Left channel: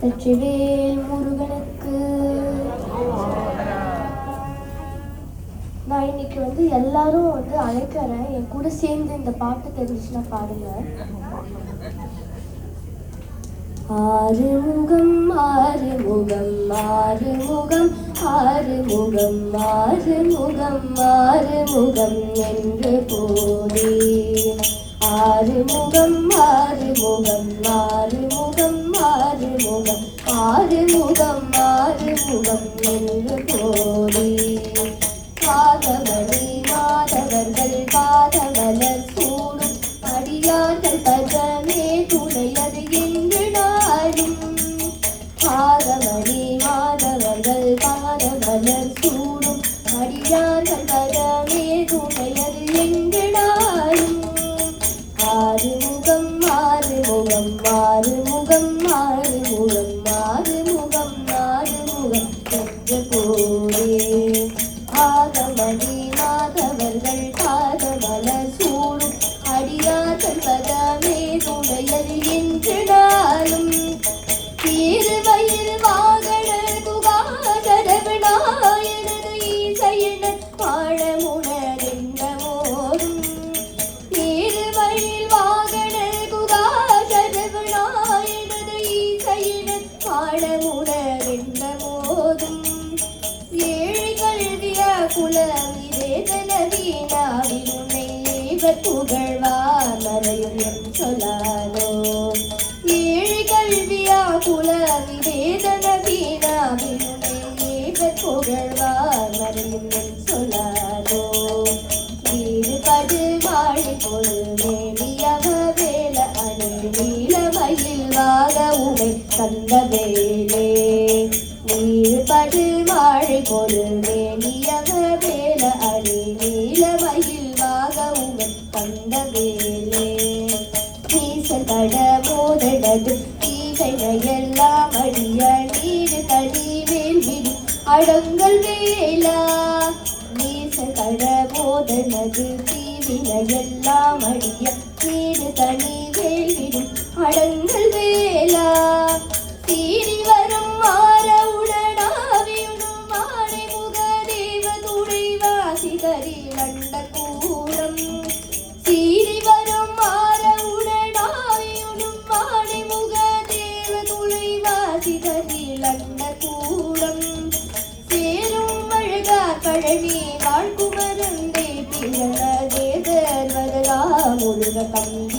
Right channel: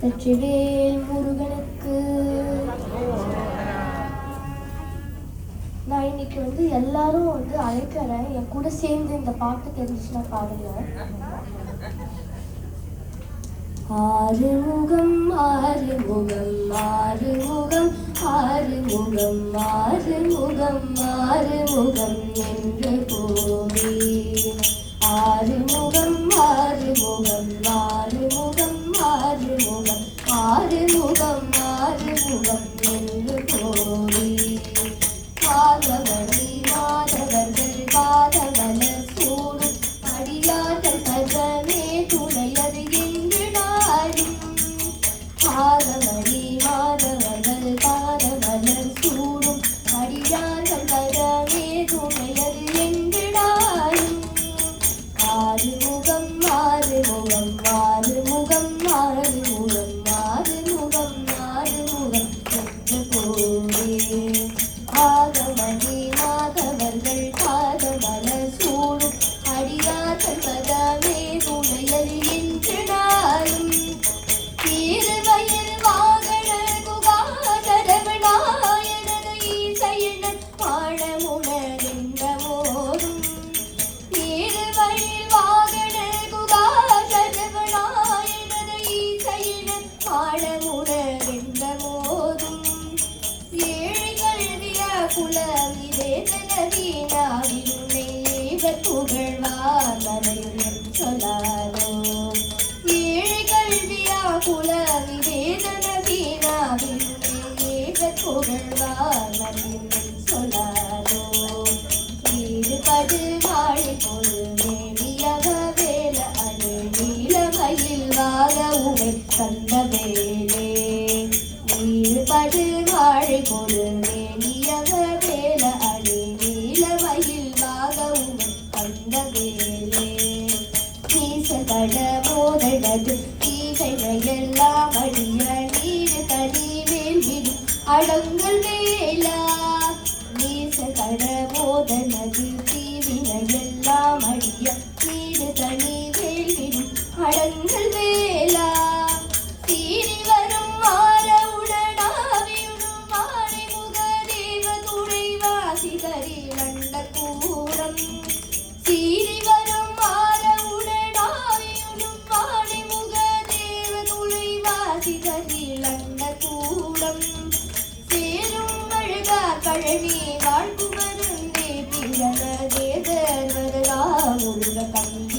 வெற்றிவேல் முருகனுக்கு. நான் இன்னைக்கு எல்லாரும் அழைக்கிறேன், என் கூட சேர்ந்து இந்த பாட்டு தெரிஞ்சுன்னா பாருங்க. ஆறுமுகம் ஆறுமுகம் ஆறுமுகம் ஆறுமுகம் ஆறுமுகம் ஆறுமுகம் என்று போதே. ஆறுமுகம் ஆறுமுகம் ஆறுமுகம் ஆறுமுகம் ஆறுமுகம் ஆறுமுகம் என்று போதே. பாதமணி மாதவர்கள் பாதமலர் சூடும் அடியார்கள் பதமே துணையது என்று நாடும். பாதமணி மாதவர்கள் பாதமலர் சூடும் அடியார்கள் பதமே துணையது என்று நாடும். ஆறுமுகம் ஆறுமுகம் ஆறுமுகம் ஆறுமுகம் ஆறுமுகம் ஆறுமுகம் என்று போரே. பாதமணி மாதவர்கள் பாதமலர் சூடும் அடியார்கள் பதமே துணையது என்று நாளும். திருவயில் வாகன குகாசரவநாயனது ஈசையின பாடமுணர்கின்ற மோதும். திருவயில் வாகன குகாசரவநாயனது ஈசையின பாடமுணர்கின்ற மோதும். குலவிதேதனவீனாவில் உன்னை புகழ்வார் மறையும் என் சொல்லாதோ. ஏழு கல்வியா குலவிதேதனவீனாவில் உன்னை புகழ்வார் மறையும் என் சொல்லாதோ. ஈடுபடு வாழி பொருள் மேலியவ வேல அணி நீலமயில் வாக உடை கந்த வேலே. ஈடுபடு வாழி பொருள் மேலியவ வேல அணி நீலமயில் வாக உடை கந்த வேலே. நீசகட மோதடது தீகைனையெல்லாம் அடிய நீடு தனி வேல்விடும் அடங்கல் வேலா. நீசகட மோதனது தீவினையெல்லாம் அடிய நீடு தனி வேல்விடும் அடங்கல் வேலா. சீறி வரும் மாற உடனாவியுடும் மாலை முக தேவ துணைவாசி கரி வண்ட கூடம். சீறி வரும் மாற உடனாவியுடும் மாலை முக தேவ துணைவாசி கரி வண்ட கூடம். சேரும் அழகா பழனி வாழ்குமருந்தே பிறனதே தர்வதா முருக கந்த